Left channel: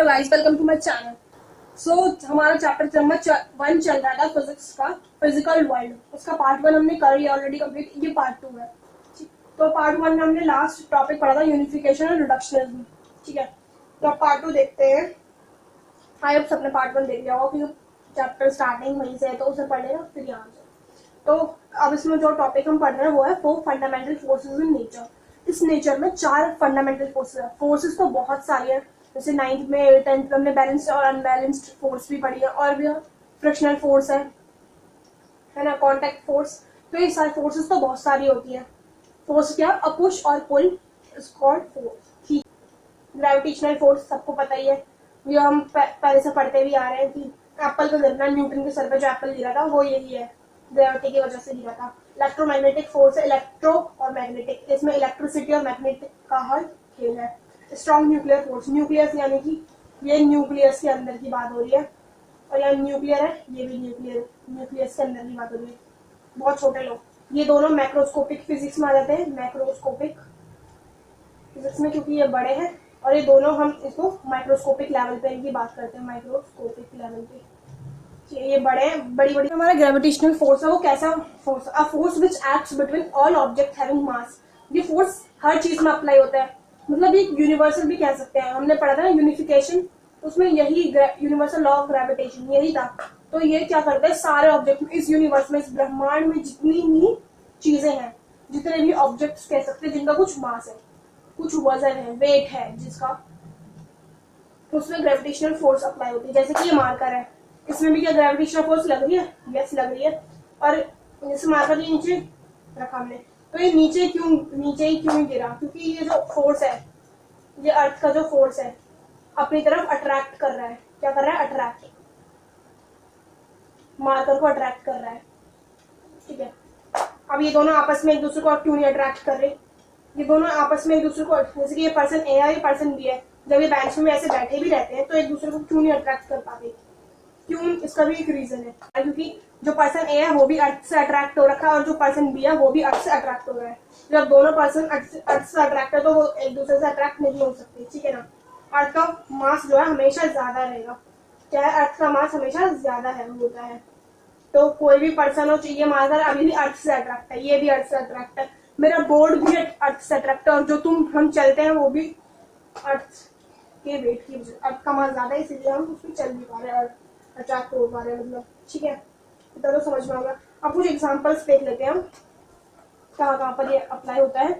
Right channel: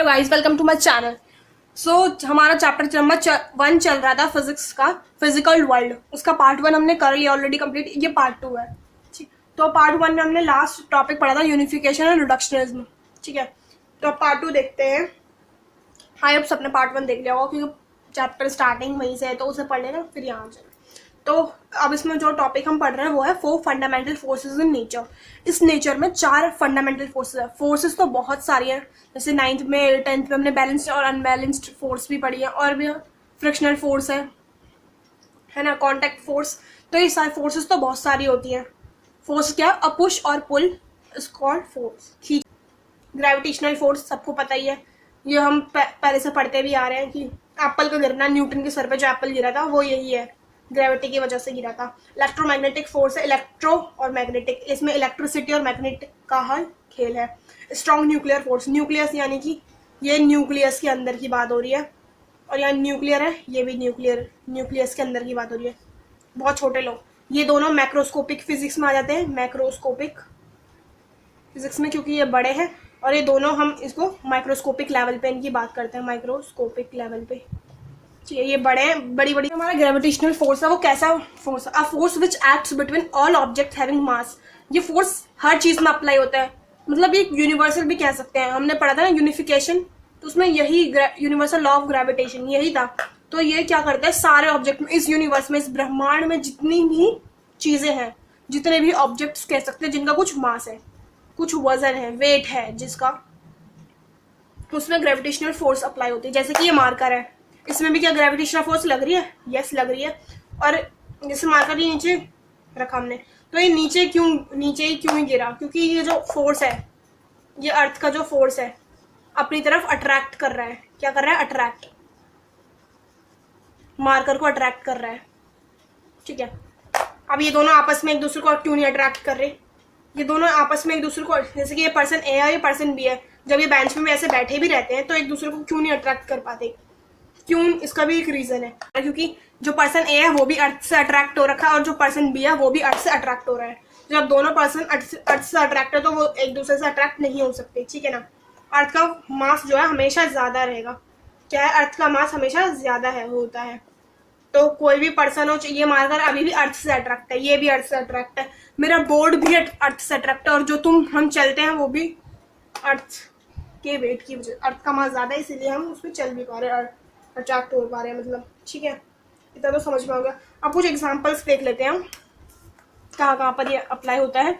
Hello guys, welcome to my channel. So हमारा chapter number 1 चल रहा था फिजिक्स का, फिजिकल वर्ल्ड। उसका पार्ट 1 हमने कर लिया ऑलरेडी कंप्लीट। ये पार्ट 2 है। ठीक, तो पार्ट 1 में हमने लास्ट टॉपिक पढ़ा था यूनिफिकेशन और रिडक्शनिज्म। ठीक है, तो अब पार्ट 2 देखते हैं। आई होप सबने पार्ट 1 देख लिया होगा क्योंकि चैप्टर स्टार्टिंग वहीं से है, तो उसे पढ़ लेना फिर यहाँ जाए। तो अब इसमें जो टॉपिक हम पढ़ रहे हैं वो है 4 फंडामेंटल फोर्सेस इन नेचर। इस नेचर में 4 फंडामेंटल फोर्सेस है। फोर्सेस तो बहुत सारी है, जैसे 9th में 10th में हमने बैलेंस्ड और अनबैलेंस्ड फोर्स भी पढ़ी है, और भी फ्रिक्शनल फोर्स है ना, कॉन्टैक्ट फोर्स। तो ये सारे फोर्सेस तो बहुत सारी होती हैं। फोर्स क्या, अ पुश और पुल इज कॉल्ड फोर्स। ठीक, ग्रेविटेशनल फोर्स सबको पता ही है, ये हम पहले से पढ़ते भी आ रहे हैं कि एप्पल का गिरना, न्यूटन के सर पे जो एप्पल गिरा था वो यही है, ग्रेविटी की वजह से गिरा था। इलेक्ट्रोमैग्नेटिक फोर्स है, इलेक्ट्रो और मैग्नेटिक, इसमें इलेक्ट्रिसिटी और मैग्नेटिक का हल खेल है। स्ट्रॉन्ग न्यूक्लियर फोर्स, न्यूक्लियस यानी कि ये न्यूक्लियस के अंदर की बात हो रही है, और यहाँ न्यूक्लियर है, ये भी न्यूक्लियस के अंदर की बात हो रही है। बहुत छोटे लोग, ये दोनों मैक्रोस्कोपिक फिजिक्स में आ जाते हैं, मैक्रोस्कोपिक फिजिक्स में, क्योंकि ये बड़े हैं, और ये दोनों हम इसको माइक्रोस्कोपिक लेवल पे इनकी बात करते हैं, माइक्रोस्कोपिक लेवल पे। ठीक है, ये बड़े हैं, बड़ी बड़ी। हमारा ग्रेविटेशनल फोर्स है वो कैसा फोर्स है, a force which acts between all object having mass. ये फोर्स हर चीज में अप्लाई होता है, मतलब ये यूनिवर्सल भी कह सकते हैं। हमने पढ़ा था ना यूनिफिकेशन, तो उसमें यही यूनिवर्सल लॉ ऑफ ग्रेविटेशन यही था। तो ये क्या करता है, सारे ऑब्जेक्ट में, इस यूनिवर्स में, इस ब्रह्मांड में जितनी भी चीजें हैं, जितने भी ऑब्जेक्ट्स कह सकते हैं जिनका कुछ मास है, कुछ वजन है, वेट है जिसका, उसमें ग्रेविटेशनल फोर्स अप्लाई होती है। जैसे कि ये मार्कर है, इसमें भी क्या ग्रेविटेशनल फोर्स लग रही है? यस, लग रही है। और जैसे मार्कर ये नीचे रखा हमने, तो ये नीचे ही क्यों गिरा? क्योंकि ये जो फोर्स है, ये अर्थ का जो फोर्स है, अपनी तरफ अट्रैक्ट कर रहा है। क्या कर रहा है? अट्रैक्ट, मार्कर को अट्रैक्ट कर रहा है। ठीक है, अब ये दोनों आपस में एक दूसरे को क्यों नहीं अट्रैक्ट कर रहे? ये दोनों आपस में एक दूसरे को, जैसे कि ये पर्सन ए है, ये पर्सन बी है, जब ये बेंच में ऐसे बैठे भी रहते हैं तो एक दूसरे को क्यों नहीं अट्रैक्ट कर पाते? क्यों? इसका भी एक रीजन है, क्योंकि जो पर्सन ए है वो भी अर्थ से अट्रैक्ट हो रखा है, और जो पर्सन बी है वो भी अर्थ से अट्रैक्ट हो रहा है। जब दोनों पर्सन अर्थ से अट्रैक्ट है तो वो एक दूसरे से अट्रैक्ट नहीं हो सकते। ठीक है ना, अर्थ का मास जो है हमेशा ज्यादा रहेगा। क्या है? अर्थ का मास हमेशा ज्यादा है, होता है। तो कोई भी पर्सन हो, ये मार्कर अभी भी अर्थ से अट्रैक्ट है, ये भी अर्थ से अट्रैक्ट है, मेरा बोर्ड भी अर्थ से अट्रैक्ट है, और जो हम चलते हैं वो भी अर्थ के वेट की वजह, अर्थ का मास ज्यादा है इसीलिए हम उसमें चल भी पा रहे हैं, अट्रैक्ट हो पा रहे हैं, मतलब। ठीक है, इतना तो समझ में आ गया। अब कुछ एग्जांपल्स देख लेते हैं हम, कहाँ कहाँ पर ये अप्लाई होता है।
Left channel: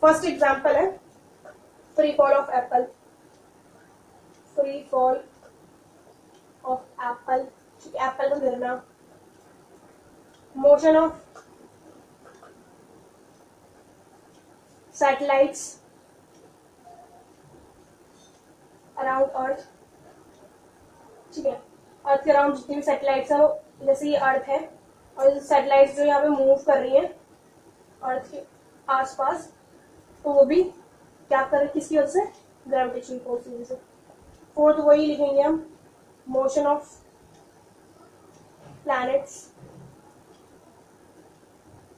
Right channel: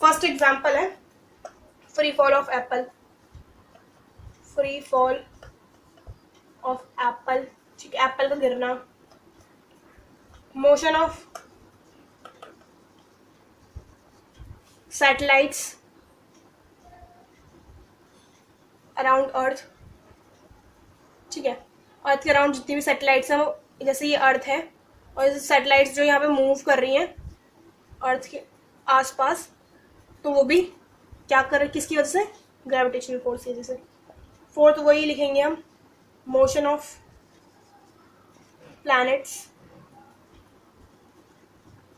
फर्स्ट एग्जांपल है free fall of Apple. Free fall of Apple, ठीक है, एप्पल का गिरना। मोशन ऑफ सैटेलाइट्स अराउंड अर्थ। ठीक है, अर्थ के अराउंड जितनी भी सैटेलाइट्स हैं, वो, जैसे ये अर्थ है और सैटेलाइट्स जो यहाँ पे मूव कर रही हैं अर्थ के आसपास, तो वो भी क्या कर रहे हैं, किसकी वजह से? ग्रेविटेशनल फोर्स की वजह से। फोर्थ वही लिखेंगे हम, motion of planets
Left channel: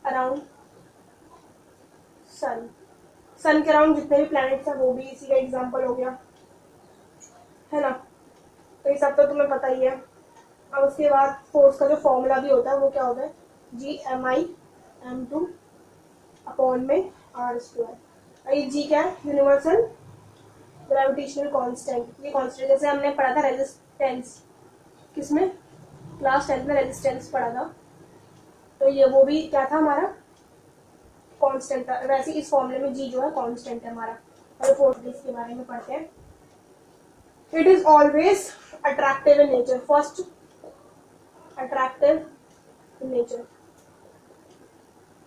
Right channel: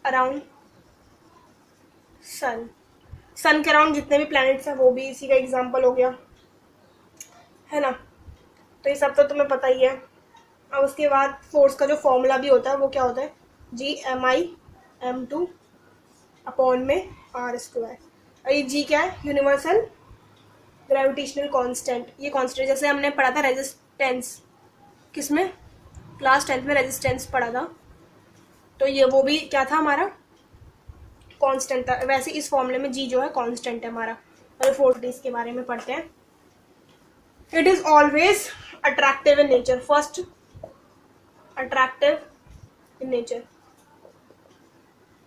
around sun. Sun के अराउंड जितने भी प्लैनेट्स हैं वो भी इसी का एग्जाम्पल हो गया, है ना। तो ये सब तो तुम्हें पता ही है। अब उसके बाद फोर्स का जो फॉर्मूला भी होता है वो क्या होता है? G/m2 अपॉन में r²। और ये G क्या है? Universal gravitational constant. ये कांस्टेंट जैसे हमने पढ़ा था रेजिस्टेंस, किसमें? क्लास 10th में रेजिस्टेंस पढ़ा था, तो ये वो भी क्या था हमारा? कांस्टेंट था। वैसे इस फॉर्मूले में G जो है कांस्टेंट है हमारा। तो फोर्स के बारे में पढ़ते हैं। It is always attractive in nature. First, attractive in nature.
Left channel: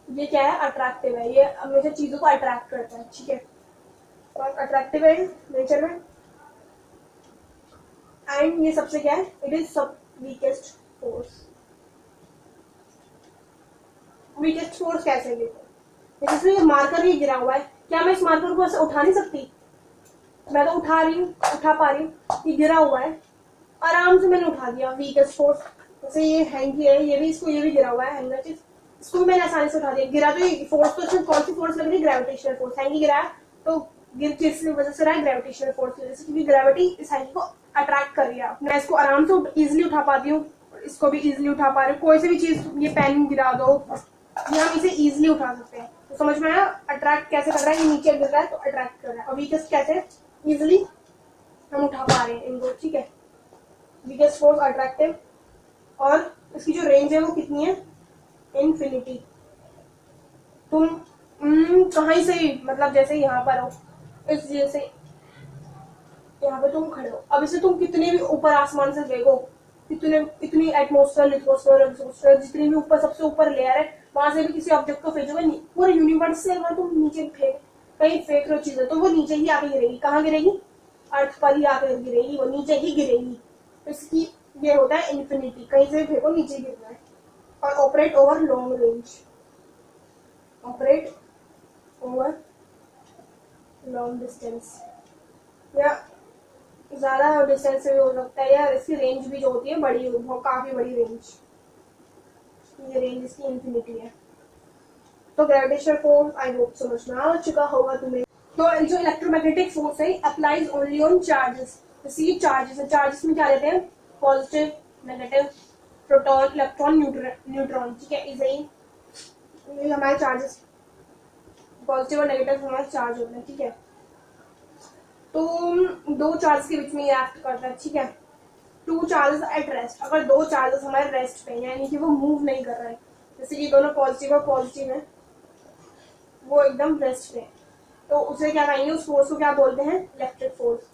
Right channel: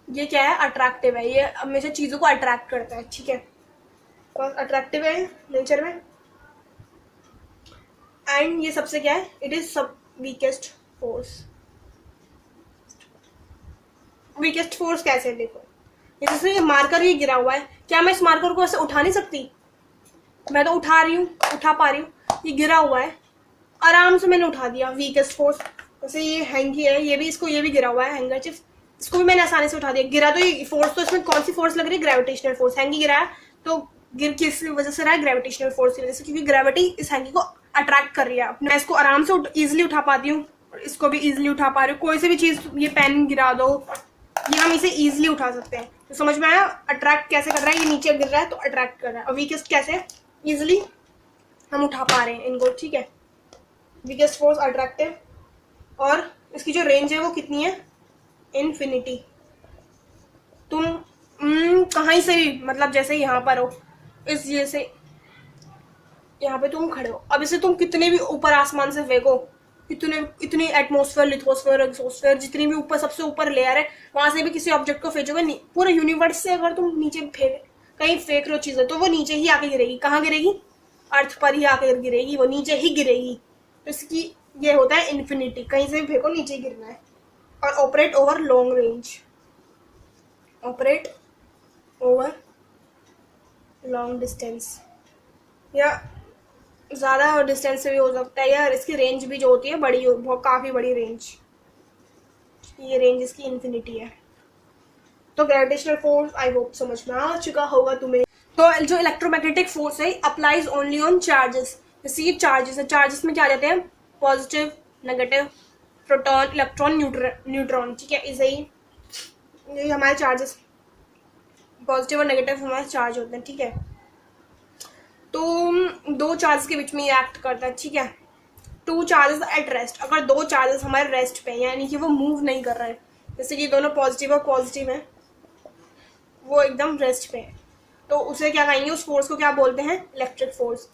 ये क्या है? अट्रैक्टिव है, ये हमेशा चीजों को अट्रैक्ट करता है। ठीक है, तो अट्रैक्टिव है नेचर में। एंड ये सबसे क्या है? इट इज सब वीकेस्ट फोर्स। वीकेस्ट फोर्स कैसे? देखो, जैसे ये मार्कर ही गिरा हुआ है, क्या मैं इस मार्कर को ऐसे उठा नहीं सकती? मैं तो उठा रही हूँ, उठा पा रही हूँ। ये गिरा हुआ है, आराम से मैंने उठा दिया, वीकेस्ट फोर्स। जैसे ये हैंगी है, ये भी गिरा हुआ है हैंगरचिप, इसको भी मैंने आसानी से उठा दिया। गिरा तो ये फोर्स, तो इसमें कौन सी फोर्स लग रही है? Gravitational force. हैंगी गिरा है तो गिर किस वजह से रहा है? ग्रेविटेशनल फोर्स की वजह से, क्योंकि ग्रेविटी इस हैंगी को अट्रैक्ट कर रही है। मैं इसको आराम से इजिली उठा पाती हूँ, इसको भी इजिली उठा पा रही हूँ। कोई सी भी चीज, ये पेन गिरा दो, ये हम इसे इजिली उठा सकते हैं। तो समझ में आया अट्रैक्ट कैसे कर रहा है? ये नीचे गिर रहा है तो अट्रैक्ट कर रहा है। और वीकेस्ट कैसे? इजिली हम उठा पा रहे हैं इनको, ठीक है। वीकेस्ट फोर्स अट्रैक्टिव, और इसकी जो रेंज है वो कितनी है? इन्फिनिटी। तुम कहीं से भी, मतलब जैसे यहाँ पर हो, इस जैसे यहाँ पे तुम खड़े हो, अब इसे तुम कितने भी ऊपर आसमान से फेंको, इतनी एटमोस्फेयर, लिथोस्फेयर, एक्सोस्फेयर, जितनी भी ऊपर सबसे ऊपर लेयर है, वहां से भी किसी ऑब्जेक्ट को फेंकोगे, पूरे यूनिवर्स से अगर तुम नीचे कहीं फेंक रहे हो चीजें, तो वो नीचे ही आके गिरेगी। कहाँ गिरेगी? अर्थ पर ही आके गिरेगी, वो नीचे ही गिरेगी। तो इसकी ये होता है इन्फिनिटी, कहीं से भी फेंको नीचे गिरना है। और operate over long range, operate over long distance, या ज्यादा डिस्टेंस से भी हो सकता है, या इसकी रेंज भी जो होती है बड़ी, बहुत काफी बड़ी रेंज, ये रेंज इसकी इन्फिनिटी है। तो ग्रेविटेशनल फोर्स आई होप समझ में आ चुका होगा तुम्हें। तो जो इलेक्ट्रोमैग्नेटिक फोर्स है अप्लाइज ओनली ऑन चार्जेस। जैसे चार्जेस है, चार्जेस में क्या लेते हैं? Positive, negative, proton, electron, neutron, ठीक है। इसे ही ये हमारे चार्जेस, पॉजिटिव और नेगेटिव हमारे चार्ज होते हैं, ठीक है। तो दो चार्जेस के बीच में ये एक्ट करता है, ठीक है। टू चार्जेस एट रेस्ट, अगर दो चार्जेस हमारे रेस्ट पे, यानी कि वो मूव नहीं कर रहा है, जैसे कि दोनों पॉजिटिव और पॉजिटिव है, वो एकदम रेस्ट पे है, तो उसे क्या कहेंगे? उस फोर्स को क्या बोलते हैं? Electric force.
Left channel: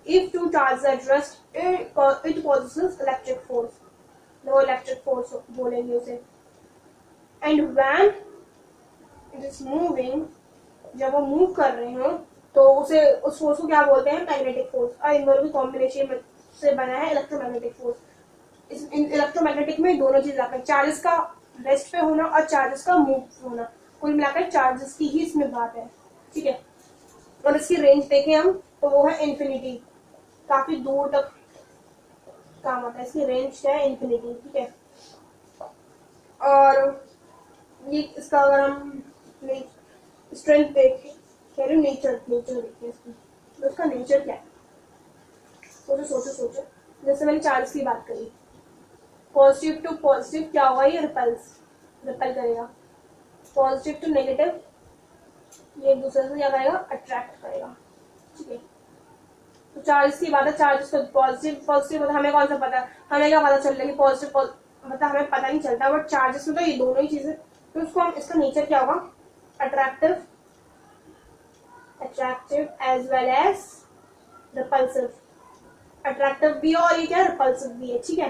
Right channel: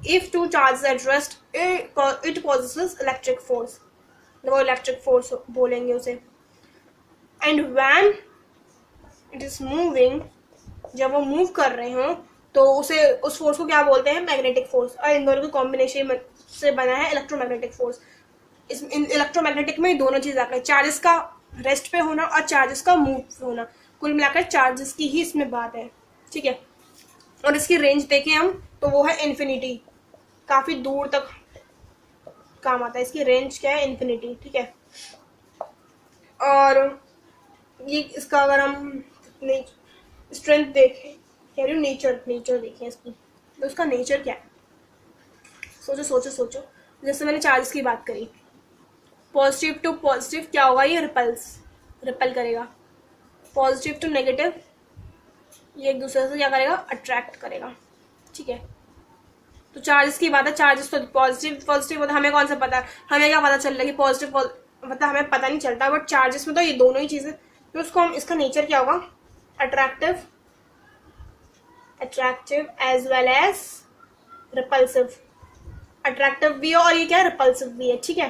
If two charges at rest it possesses electric force, वो इलेक्ट्रिक फोर्स बोलेंगे उसे। And when it is moving, जब वो मूव कर रहे हो तो उसे, उस फोर्स को क्या बोलते हैं? Magnetic force. और इन दोनों के कॉम्बिनेशन से बना है इलेक्ट्रोमैग्नेटिक फोर्स। इस इलेक्ट्रोमैग्नेटिक में दोनों चीज आकर, चार्जेस का रेस्ट पे होना और चार्जेस का मूव होना, कुल मिलाकर चार्जेस की ही इसमें बात है, ठीक है। और इसकी रेंज देखें हम तो वो है इन्फिनिटी, काफी दूर तक काम आता है। इसकी रेंज क्या है? इन्फिनिटी, ठीक है। और ये इसका अगर हम स्ट्रेंथ देखें, कह रही हूँ नेचर देखिए इसकी, तो उसका नेचर क्या है? सोचो सोचो सोचो। जैसे मैंने चार्जेस की बात करी, पॉजिटिव टू पॉजिटिव क्या होगा? ये रिपेल करेगा। पॉजिटिव टू नेगेटिव ये एक दूसरे से क्या करेगा? अट्रैक्ट करेगा, ठीक है। तो चार्जेस की बात है, चार्जेस तो पॉजिटिव हमें कौन सा पता है? हमें क्या पता चल रहा है कि पॉजिटिव, मतलब हमें पता नहीं चलता, बट चार्जेस में तो ये दोनों ही चीजें। तो उसको हम, इसका नेचर क्या होगा? Attractive as well as repulsive. Attractive भी है और ये क्या है? रिपल्सिव भी है, ठीक है।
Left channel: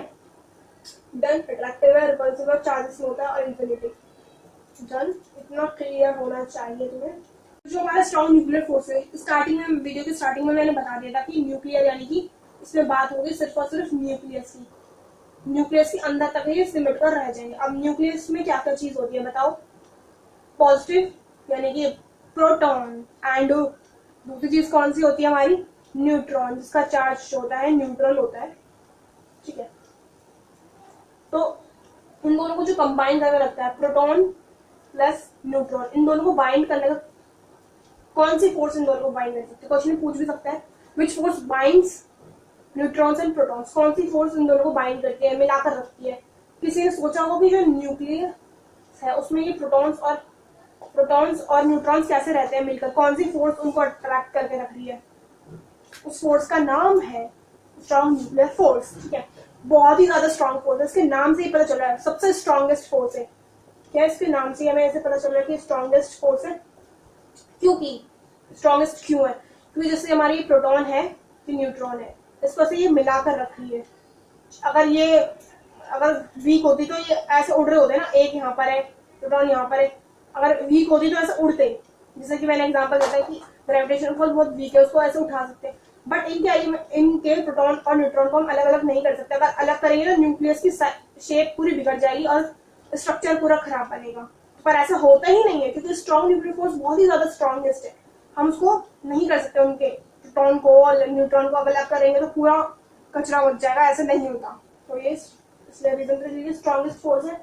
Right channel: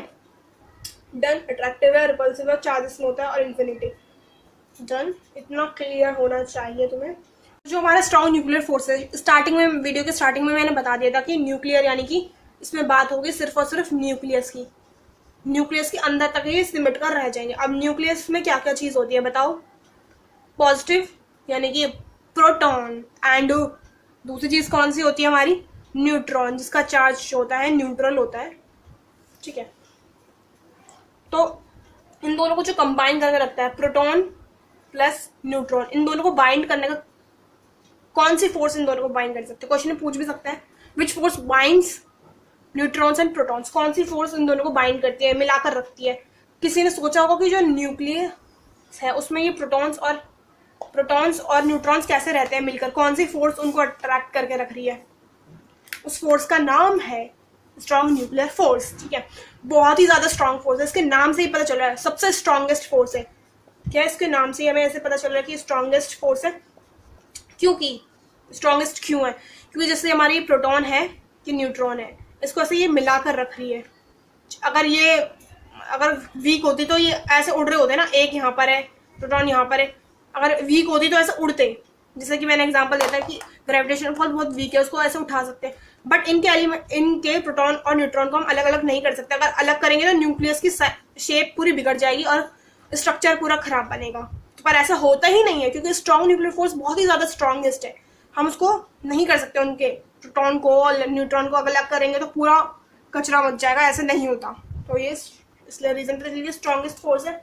डन। अट्रैक्टिव है, रिपल्सिव है, चार्जेस में होता है, और इन्फिनिटी। डन। इतना क्लियर होना चाहिए तुम्हें। जो हमारा स्ट्रॉन्ग न्यूक्लियर फोर्स है, स्टार्टिंग में, वीडियो के स्टार्टिंग में मैंने बता दिया था कि न्यूक्लियर यानी कि इसमें बात होगी सिर्फ और सिर्फ न्यूक्लियस की। न्यूक्लियस के अंदर तक ही सिमट कर रह जाएंगे। अब न्यूक्लियस में क्या क्या चीज होती है बताओ? पॉजिटिव यानी कि प्रोटॉन, एंड दूसरी चीज कौन सी होती है हमारी? न्यूट्रॉन, जिसका चार्ज होता है न्यूट्रल होता है, ठीक है। तो इन दोनों को जो कंबाइन करके रखता है, प्रोटॉन प्लस न्यूट्रॉन, इन दोनों को बाइंड करने का कौन सी फोर्स इन दोनों को बाइंड कर सकते हैं? क्वेश्चन में पूछ भी सकता है, which force binds neutrons and protons, कौन सी फोर्स इन दोनों को बाइंड करती है, मिलाकर रखती है? किसी ने सोचा होगा कि जो न्यूक्लियस है उसमें ये प्रोटॉन्स और न्यूट्रॉन्स कैसे रहते हैं मिलकर, कौन सी फोर्स उनको अट्रैक्ट करके रख रही है? उस फोर्स का नाम है स्ट्रॉन्ग न्यूक्लियर फोर्स, ठीक है। बहुत ही ज्यादा स्ट्रॉन्ग फोर्स है, इसके नाम से ही पता चल रहा है सबसे स्ट्रॉन्गेस्ट फोर्स है। क्या इसके नाम से हमें ऐसे पता चल रहा है कि स्ट्रॉन्गेस्ट फोर्स है? क्योंकि स्ट्रॉन्गेस्ट क्यों है? क्योंकि जैसे हमारी प्रोटॉन है कि न्यूट्रॉन है, इसको ऐसे ये मिलाकर रख रही है। अगर वीक होती तो ये ऐसे उड़ रहे होते ना, एक यहाँ पर है, प्रोटॉन यहाँ पर है, अगर वीक होती तो ऐसे उड़ते। जैसे कि मैंने एग्जांपल दिया था कि ग्रेविटेशनल फोर्स बहुत वीक है, उसको ऐसे उठा सकते हैं, बट इनके प्रोटॉन और न्यूट्रॉन को हम अलग अलग नहीं कर सकते। अगर अलग करेंगे तो न्यूक्लियस की शेप पूरी बिगड़ जाएगी और स्ट्रक्चर पूरा खराब बनेगा। पर ऐसा होता ही नहीं है, क्योंकि स्ट्रॉन्ग न्यूक्लियर फोर्स बहुत ही ज्यादा स्ट्रॉन्गेस्ट है, हम उसको नहीं कर सकते। उनके प्रोटॉन को और न्यूट्रॉन को अलग करेंगे तो पूरा कचरा मच जाएगा, ऐसे नहीं होता। तो ये इसलिए रीजन के लिए स्ट्रॉन्गेस्ट फोर्स है।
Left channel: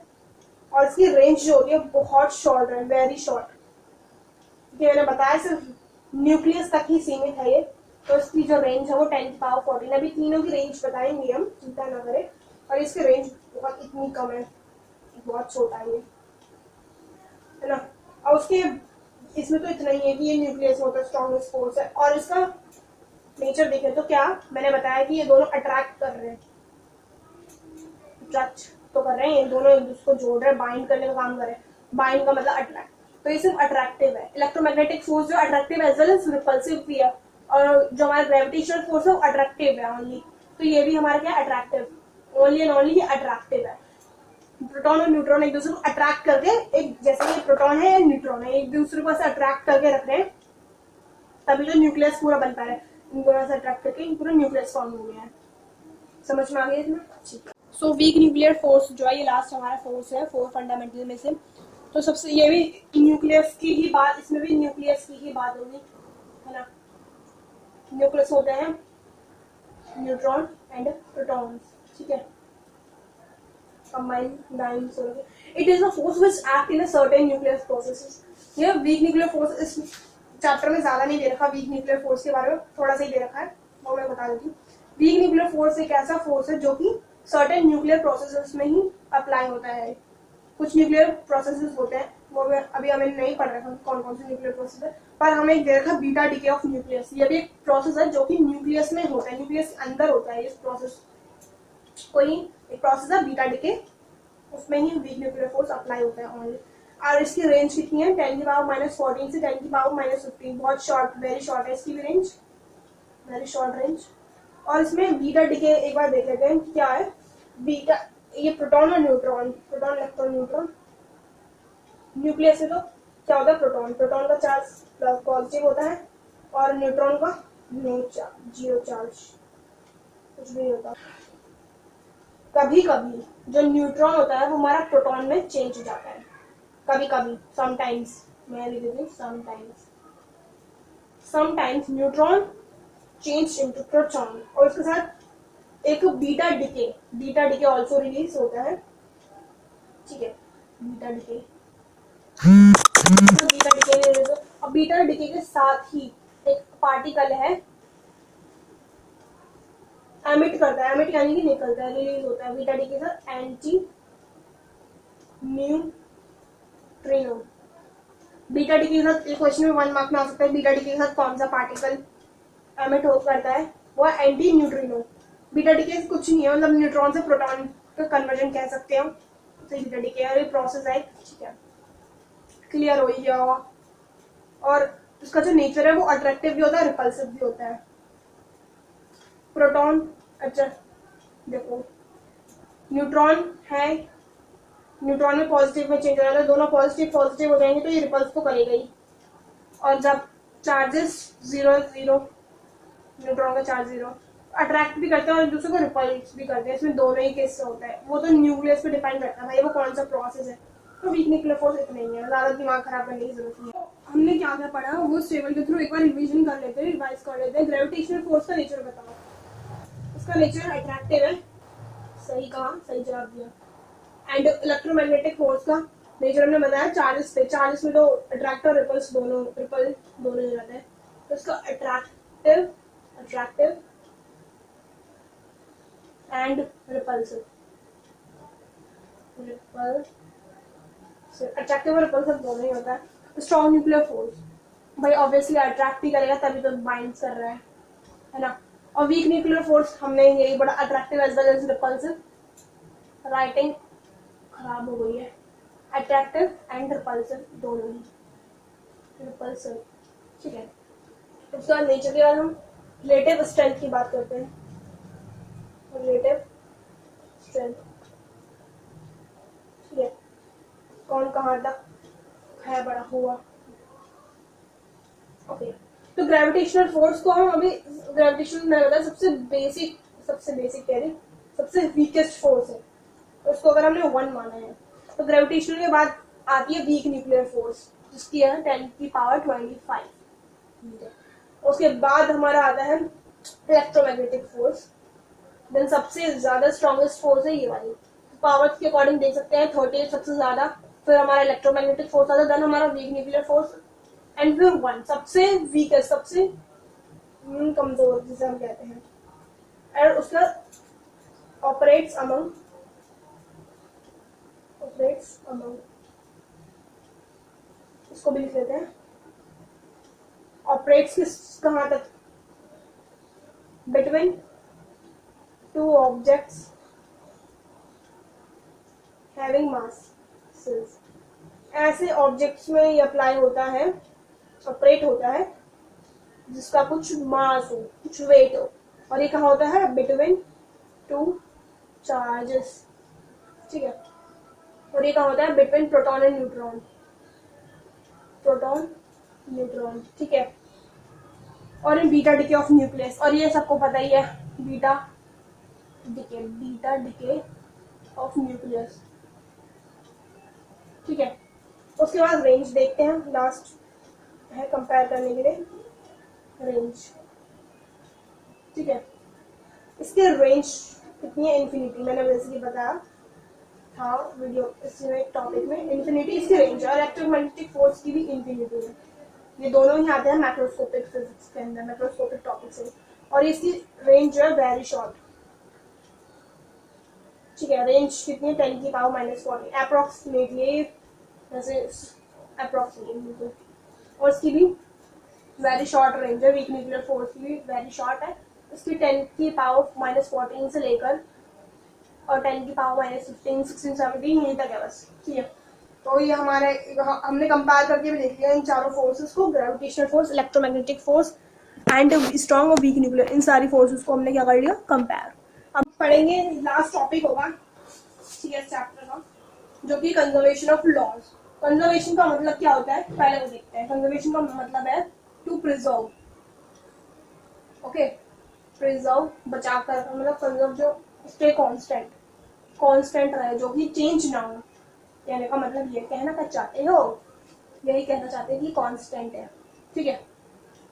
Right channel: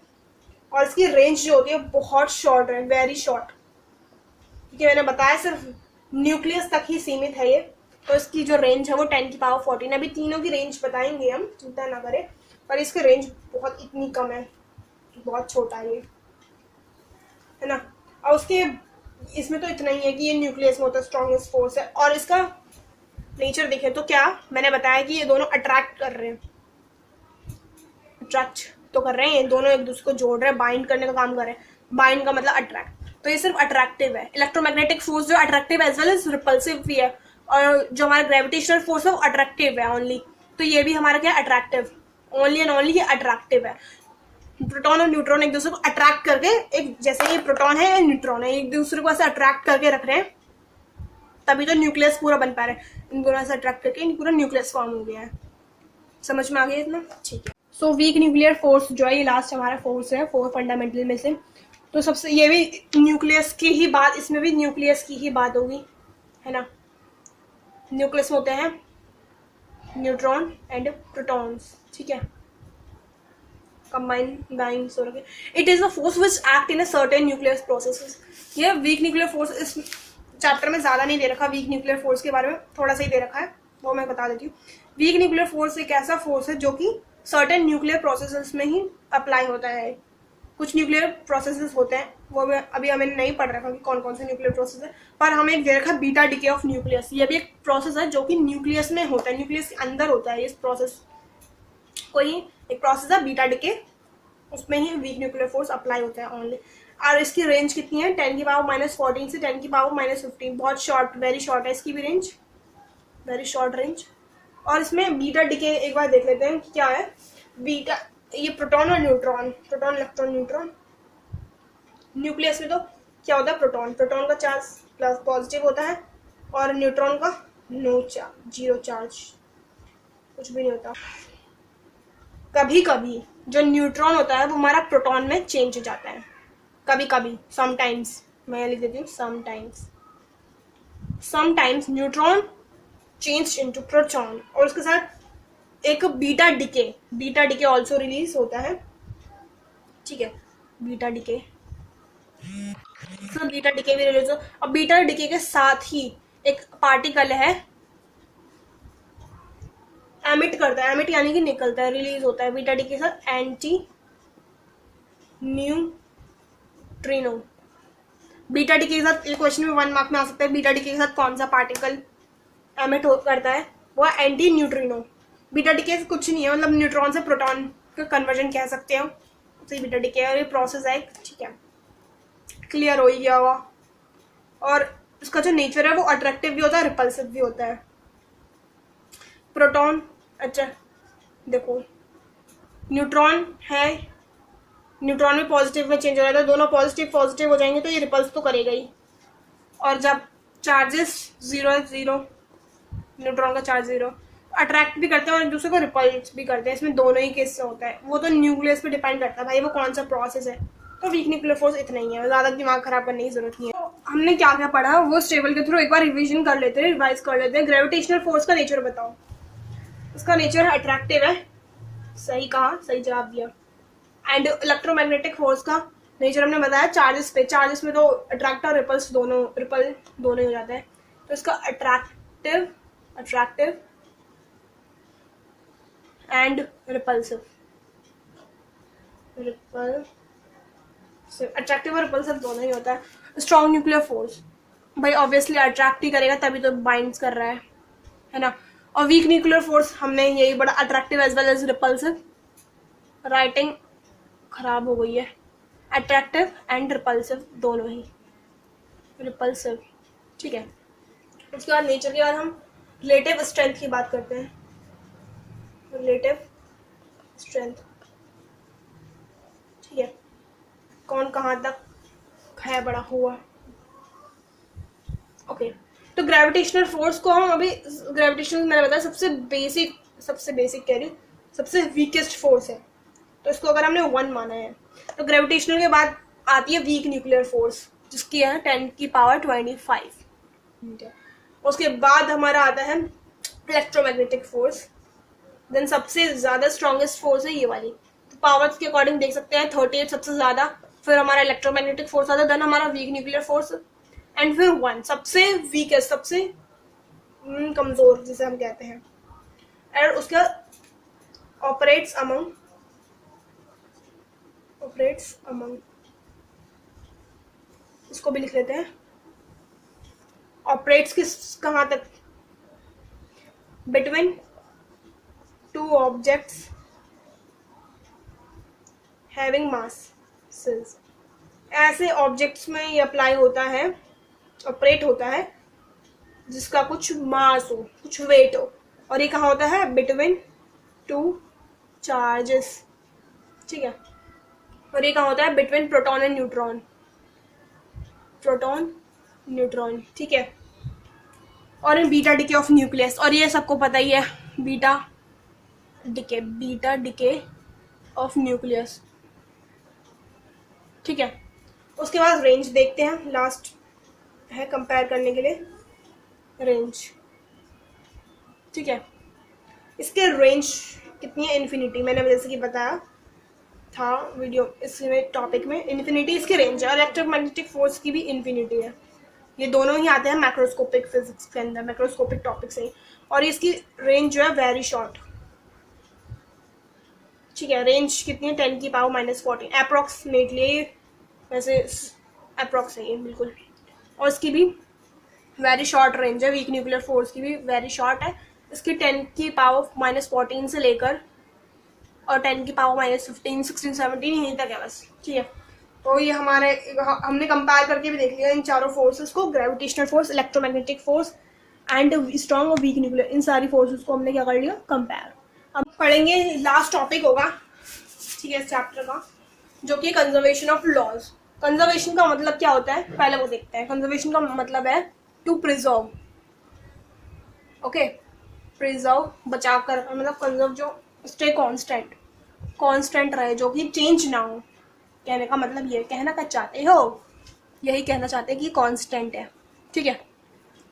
और इसकी रेंज जो होती है बहुत शॉर्ट है, वेरी शॉर्ट, क्योंकि मैंने बताया सिर्फ न्यूक्लियस तक ही सीमित है ये। तो इसकी जो रेंज है वो 10⁻14। अभी तीनों की रेंज बताएंगे हम, चिंता ना करें, पर इसकी रेंज बहुत इतनी कम है, बहुत छोटा है ये, है ना। और उसके इसमें तो इतना ही है कि ये न्यूक्लियस में होता है, स्ट्रॉन्गेस्ट फोर्स है। और इसका नेचर देखें तो क्या मैंने बताया कि ये दोनों अट्रैक्ट कर रहे हैं, अट्रैक्ट तो कर रहे हैं, ये दोनों एक दूसरे को जोड़ रहे हैं, बाइंड करने का काम कर रहे हैं। बाइंड का मतलब अट्रैक्ट, तो ये सिर्फ अट्रैक्टिव है। इलेक्ट्रोमैग्नेटिक फोर्स जो attractive as well as repulsive भी है, और जो हमारा ग्रेविटेशनल फोर्स है वो अट्रैक्टिव है ओनली। तो ये भी हमारा क्या अट्रैक्टिव, ओनली एंड ओनली ये अट्रैक्टिव है। प्रोटॉन और न्यूट्रॉन एक दूसरे को अट्रैक्ट करके, एक जैसे ये प्रोटॉन है या न्यूट्रॉन है, एक दूसरे को ऐसे अट्रैक्ट करके रख रहे हैं, तभी तो न्यूक्लियस पूरा बन पा रहा है। इन दोनों से अट्रैक्ट करके पूरा न्यूक्लियस फॉर्म हो गया है। समझ में आ गया इतना? ठीक है। सो वीक न्यूक्लियर फोर्स जो है, ये लास्ट हमारा फोर्स है, 4 फंडामेंटल में से। तो सबसे ये भी न्यूक्लियस की ही बात, इसमें भी न्यूक्लियस की ही बात होगी, है ना। न्यूक्लियस होते हैं न्यूट्रॉन एंड प्रोटॉन्स, ठीक है, combined dynes हो गए। It is a force which act in a certain nuclear processes। ये वीक न्यूक्लियर फोर्स इस चैप्टर में ज्यादा नहीं दे रखा, वीक न्यूक्लियर फोर्स के बारे में थोड़ा सा ही दे रखा है, वो मैं बता देती हूँ। वीक न्यूक्लियर फोर्स एक ऐसा फोर्स है जो कि सर्टेन न्यूक्लियर प्रोसेसेस में ही अप्लाई होता है। कुछ न्यूक्लियर प्रोसेसेस होते हैं, वो अभी हमें नहीं पढ़ रखा कि कौन कौन से न्यूक्लियर प्रोसेस है, पर हमें एक दे रखा बीटा डिके ऑफ न्यूक्लियस। ये भी एक प्रोसेस है जो कि न्यूक्लियस में होता है, न्यूक्लियस के अंदर होता है। इस प्रोसेस को ही एक प्रोसेस है बीटा डिके, उसमें ही वीक न्यूक्लियर फोर्स अप्लाई होता है ओनली। और इसकी रेंज कितनी है, 10⁻⁻14 से 10⁻⁻15, बहुत शॉर्ट, वेरी शॉर्ट है इसकी भी रेंज, वेरी शॉर्ट रेंज। और इसमें बीटा डिके एक बार देख लेते हैं कि क्या है। बीटा, ये प्रोटॉन और neutron, proton electron neutron, nucleus में तो क्या होता है, प्रोटॉन, प्रोटॉन का चार्ज प्लस पॉजिटिव होता है और न्यूट्रॉन का नो चार्ज, जीरो चार्ज, कुछ भी नहीं होता। कभी कभी जो न्यूट्रॉन होता है वो हमारा प्रोटॉन में चेंज हो जाता है, कभी कभी, समटाइम्स, मैं लिख देती हूँ sometimes, sometimes neutron change into proton. और उसके साथ एक बीटा डिके ऑल्सो रिलीज होता है, ठीक है, बीटा डिके, तो बीटा डिके भी रिलीज हो। अब बीटा डिके के साथ ही एक पार्टिकल है एमिट करता है, एमिट यानी कि निकलता है, रिलीज होता है बीटा डी के साथ, एंटी न्यूट्रिनो। बीटा डी के साथ एक क्वेश्चन में 1 मार्क में आ सकता है, बीटा डी के साथ कौन सा पार्टिकल एमिट करता है, वो है एंटी न्यूट्रिनो। बीटा डी के कुछ नहीं है, मतलब न्यूट्रॉन से प्रोटॉन का कन्वर्जन कह सकते हो, तो बीटा डी के प्रोसेस है, ठीक है, क्लियर हो ही गया हुआ। और उसका जो नेचर है वो अट्रैक्टिव भी होता है, रिपल्सिव भी होता है। प्रोटॉन, अच्छा देखो, न्यूट्रॉन है, न्यूट्रॉन में पॉजिटिव में चेंज हो जाता है, दोनों पॉजिटिव हो जाएंगे तो ये रिपल्स तो करेगा ही। और जब चार्जेस 0 न्यूट्रॉन का चार्ज 0, अट्रैक्ट भी करते हैं और एक दूसरे को रिपल्स भी करते हैं, इसमें दोनों ही केस से होता है। वो तो न्यूक्लियस पे डिपेंड करता है भाई, वो कौन सा प्रोसेस है। तो वीक न्यूक्लियर फोर्स इतना ही है, ज्यादा दिमाग खराब करने की जरूरत नहीं है। तो हमने क्या क्या पढ़ा वो इस टेबल के थ्रू एक बार रिविजन कर लेते हैं, रिवाइज कर लेते हैं। ग्रेविटेशनल फोर्स का नेचर बताओ। उसका नेचर अट्रैक्टिव है, सही कहा, सही जवाब दिया। एंड इलेक्ट्रोमैग्नेटिक फोर्स का नेचर हमने बताया चार्जेस पे, चार्जेस में तो अट्रैक्ट और रिपल दोनों ही हो जाता है। तो इसका अट्रैक्टिव एंड रिपल्सिव, अट्रैक्टिव और रिपल्सिव दोनों ही होता है। स्ट्रॉन्ग न्यूक्लियर फोर्स भाई ऑब्वियसली अट्रैक्ट ही करेगा, तभी तो बाइंड्स कर रहा है ना। और वीक न्यूक्लियर फोर्स हमने यही बड़ा, attractive as well as repulsive, writing खराब हो गई है, अट्रैक्टिव एंड रिपल्सिव दोनों ही, रिपल्सिव, ठीक है। उसके बाद नेचर के बाद हम रिलेटिव स्ट्रेंथ की बात करते हैं, रिलेटिव स्ट्रेंथ, ठीक है, कौन कहाँ तक है बड़ा हुआ, ओके। तो ग्रेविटेशनल फोर्स को हम अभी, ग्रेविटेशनल मैंने बताया सबसे बेसिक कह रही हूँ, सबसे वीकेस्ट फोर्स है, तो इसको अगर हमने 1 माना है, तो ग्रेविटेशनल के बाद आती है वीक न्यूक्लियर फोर्स जिसकी है 10⁻25। उसके बाद हमारा आता है इलेक्ट्रोमैग्नेटिक फोर्स, देन सबसे ज्यादा स्ट्रॉन्गेस्ट फोर्स है ये वाली, तो पावर्स के अकॉर्डिंग देख सकते हैं 38 सबसे ज्यादा, फिर हमारा इलेक्ट्रोमैग्नेटिक फोर्स आता है, देन हमारा वीक न्यूक्लियर फोर्स, एंड फिर 1 सबसे वीकेस्ट, सबसे कमजोर जिसे हम कहते हैं, और उसका ऑपरेट्स अमंग इसको भी लिख लेते हैं, ऑपरेट्स किस कहाँ तक, between two objects having masses. ऐसे ऑब्जेक्ट्स में ये अप्लाई होता है, ऑपरेट होता है जिसका कुछ मास हो, कुछ वेट हो, और ये कहाँ होता है, बिटवीन टू चार्जेस, ठीक है। और ये कहाँ होता है, between proton and neutron, proton neutron, ठीक है। और इन बीटा डिके ऑफ न्यूक्लियस, और ये सबको पता ही है, बीटा डिके ऑफ न्यूक्लियस, ठीक है। उसके बाद रेंज देखते हैं, लास्ट है कंपेयर करने के लिए रेंज, ठीक है। इसके रेंज कितनी है, इन्फिनिटी, मैंने जैसे कि बताया था वीडियो इसमें टॉपिक में, इन्फिनिटी इसकी रेंज है, और इलेक्ट्रोमैग्नेटिक फोर्स की भी इन्फिनिटी है। ये दोनों ही आते हैं मैक्रोस्कोपिक फिजिक्स के अंदर, मैक्रोस्कोपिक टॉपिक से ही, और इसकी रेंज जो है वेरी शॉर्ट, ठीक है। रेंज कितनी है, 10⁻⁻14 अप्रोक्सीमेटली, वैसे अप्रोक्स है ये बिल्कुल, और इसकी भी वेरी शॉर्ट रेंज है, वीक न्यूक्लियर फोर्स की भी वेरी शॉर्ट है। इसकी 10⁻⁻14 से लेकर और 10⁻⁻15 16 17 यहीं तक है बस, ठीक है। तो ये हमारे हमने कंपेयर करके भी देख लिया इन चारों फोर्सेस को, gravitational force, electromagnetic force and strong और वीक न्यूक्लियर, इन सारी फोर्सेस को हमने क्या कर लिया, कंपेयर। अब पढ़ेंगे लास्ट टॉपिक होगा, ठीक है, इस चैप्टर का, जो कि कंजर्वेशन ऑफ लॉज। कंजर्वेशन का मतलब क्या होता है, पहले वो देखते हैं। कंजर्वेशन का मतलब है टू प्रिजर्व, ओके, प्रिजर्व बचा कर, मतलब कंजर्व जो स्टे कांस्टेंट रहे, जो कि चेंज ना हो। कहने का मतलब ये, कहना क्या चाहते हो, यही कहना चाहते हैं कि कांस्टेंट है, ठीक है,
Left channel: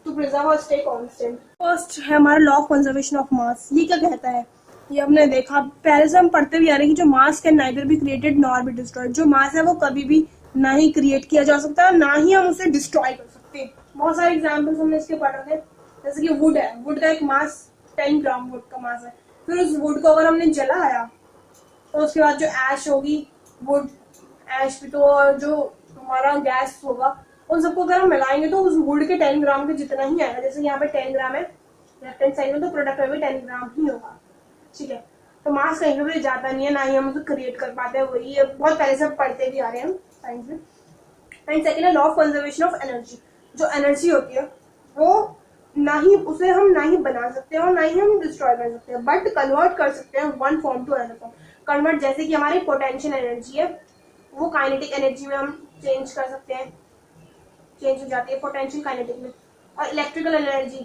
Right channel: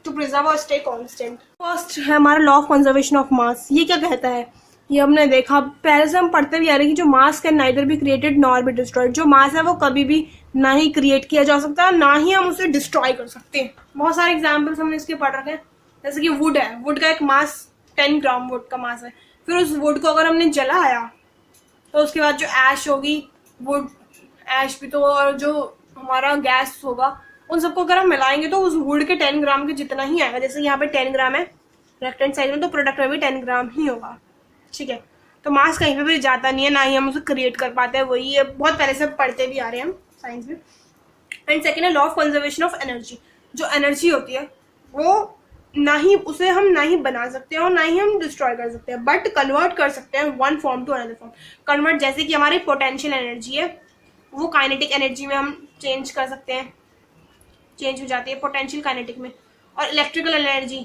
टू प्रिजर्व और स्टे कांस्टेंट। फर्स्ट है हमारा law of conservation of mass. ये क्या कहता है, ये हमने देखा पहले से हम पढ़ते भी आ रहे हैं कि जो मास can neither be created nor be destroyed. जो मास है वो कभी भी ना ही क्रिएट किया जा सकता है, ना ही हम उसे डिस्ट्रॉय कर सकते हैं। बहुत सारे एग्जाम्पल्स हमने इसके पढ़ रखे हैं, जैसे कि वुड है, वुड का एक मास 10 ग्राम वुड का मास है। फिर उस वुड को अगर हमने जलाया तो उसके बाद जो ऐश होगी, वुड ऐश भी तो, और जो हमारा गैस होगा, उन सबको अगर हम मिलाएंगे तो उस वुड के 10 ग्राम के जितना ही आएगा। जैसे यहाँ पे 10 ग्राम है लेफ्ट हैंड साइड में, तो प्रोडक्ट में भी 10 ग्राम ही होगा, ठीक है। तो मास कहीं पे भी जाता नहीं है, ना ही हम उसे क्रिएट कर पाते हैं, वही है, बहुत पहले से पढ़ते भी आ रहे हैं हम साइंस में। एंड सेकेंड है law of conservation of energy. जो एनर्जी होती है वो ना ही उसे हम ना ही बना सकते हैं और ना ही हम डिस्ट्रॉय कर सकते हैं, बट कन्वर्ट कर सकते हैं one form to another form. Convert जैसे कि हमारी पोटेंशियल एनर्जी है, वो काइनेटिक एनर्जी में हम चेंज कर सकते हैं, चेंज हो जाती है पोटेंशियल काइनेटिक में। और इलेक्ट्रिकल एनर्जी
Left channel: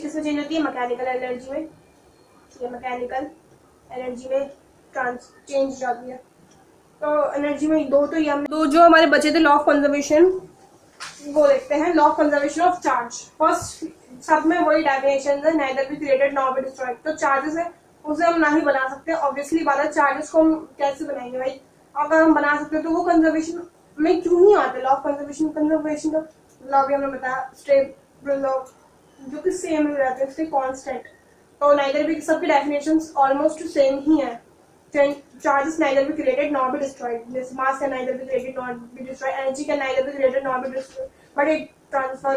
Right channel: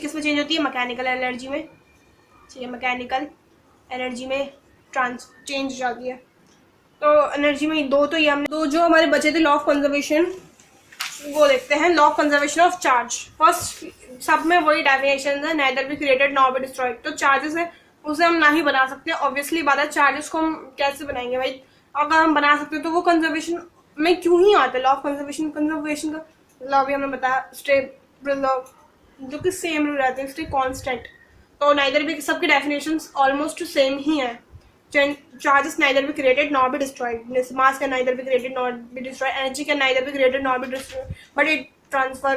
किस में चेंज होती है, मैकेनिकल एनर्जी में, ठीक है, मैकेनिकल एनर्जी में चेंज हो जाती है। तो एनर्जी में दो, तो ये हमने दो जो हमारे बचे थे लॉ ऑफ कंजर्वेशन, वो देखते हैं। Law of conservation of charge, first सब में वही डेफिनेशन है, neither be created nor be destroyed. तो चार्जेस है उसे हम ना ही बना सकते, ऑब्वियसली बात है। चार्जेस को हम कैसे बनाएंगे भाई, अगर हम बना सकते तो वो कंजर्वेशन में क्यों ही आता है। लॉ ऑफ कंजर्वेशन का लॉ भी हमने बताया, स्टे प्रिजर्व, जो कि सेम ही रहते हैं, स्टे कांस्टेंट। तो नाइदर भी, सबकी डेफिनेशंस ऑलमोस्ट सेम ही है। Charges neither be created nor be destroyed. Mass can neither be created nor be destroyed. Energy can neither be created nor be destroyed. But it transfer,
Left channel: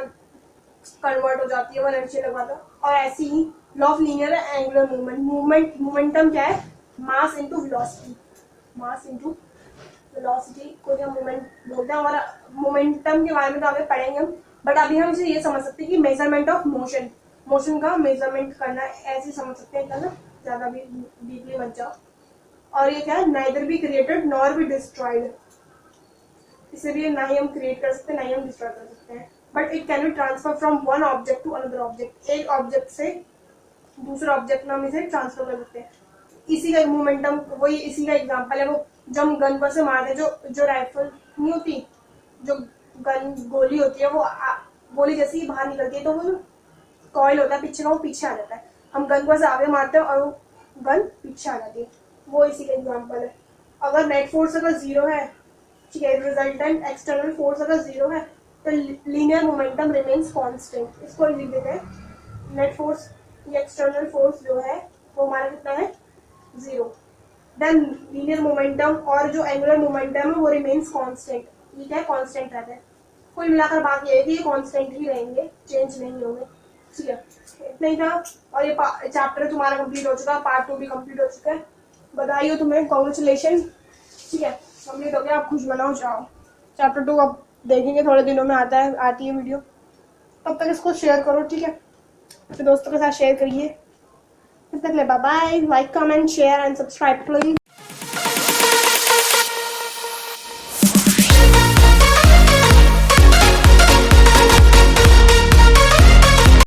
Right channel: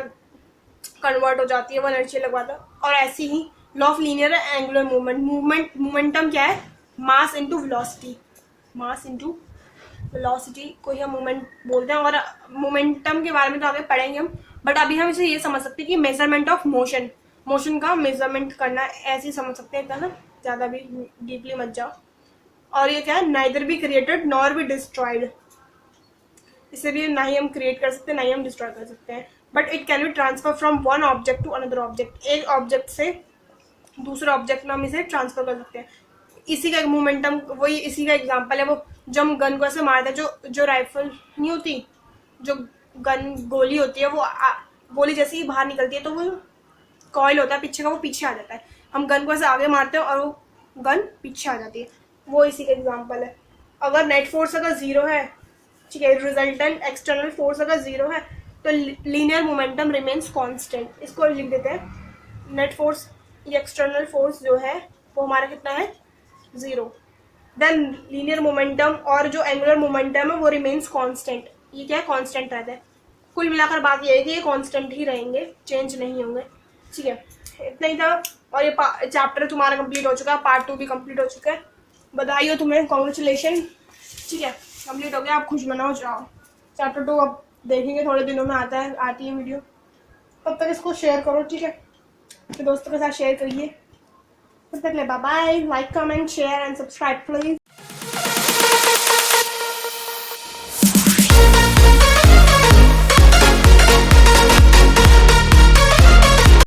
convert हो जाती है वो energy लगवाता है। और ऐसी ही law of linear angular movement, momentum क्या है, mass into velocity, mass into velocity को ही हम मूवमेंट बोलते हैं। और मोमेंटम के बारे में तो आगे पढ़ेंगे हम, बट अभी हम इसे ये समझ सकते हैं कि मेजरमेंट ऑफ मोशन का मेजरमेंट करना, ऐसे समझ सकते हैं, ना ज्यादा भी डीपली मत जाओ। और ये क्या है, neither be created nor be destroyed, इसे भी ना ही हम क्रिएट कर सकते हैं ना ही हम डिस्ट्रॉय कर सकते हैं, but it can be transfer from one object to another object. एक ऑब्जेक्ट से दूसरे ऑब्जेक्ट में हम इसे ट्रांसफर कर सकते हैं। इसी का मोमेंटम, वही इसी का एग्जांपल है वो, जो हम गन को ऐसे मारते हैं, जो राइफल नहीं होती, जो गन गोली होती है, वो गोली जैसे ही बाहर निकलती है तो वो कॉइल होता है पीछे का, वो पीछे आ जाता है। हम गन को ऐसे आगे मारते हैं और वो गन पीछे आ जाती है, वो इसी का एग्जांपल है। अगर नेट फोर्स अगर 0 है, ठीक है, रिजल्टेंट एक्सटर्नल फोर्स अगर 0 है, तो लीनियर मोमेंटम रिमेन्स कांस्टेंट, इसको लिख देते हैं। नेट फोर्स, ये एक्सटर्नल फोर्स जो है वो हमारा कितना है 0। देन लीनियर मोमेंटम और जो एंगुलर मोमेंटम है वो रिमेन्स कांस्टेंट, ये क्या है कांस्टेंट रहता है। कुल मिलाकर बात ये है कि ये कांस्टेंट ही रहेंगे, चेंज नहीं होंगे, ठीक है। इतना ही था और ये चैप्टर तुम्हारा कंप्लीट हो चुका है, पार्ट 2 भी कंप्लीट हो चुका है। बधाई हो तुम्हें, कॉन्ग्रेचुलेशन, ठीक है, कंप्लीट हो गया। आप खुश मनाओ, जाओ। चैप्टर 2 अब देखेंगे, थोड़े दिनों में आती है वीडियो। तब तक इसको शेयर करो, ठीक है, तो दोस्तों के साथ शेयर करिए। तब तक ले bye bye, like comment share and subscribe please.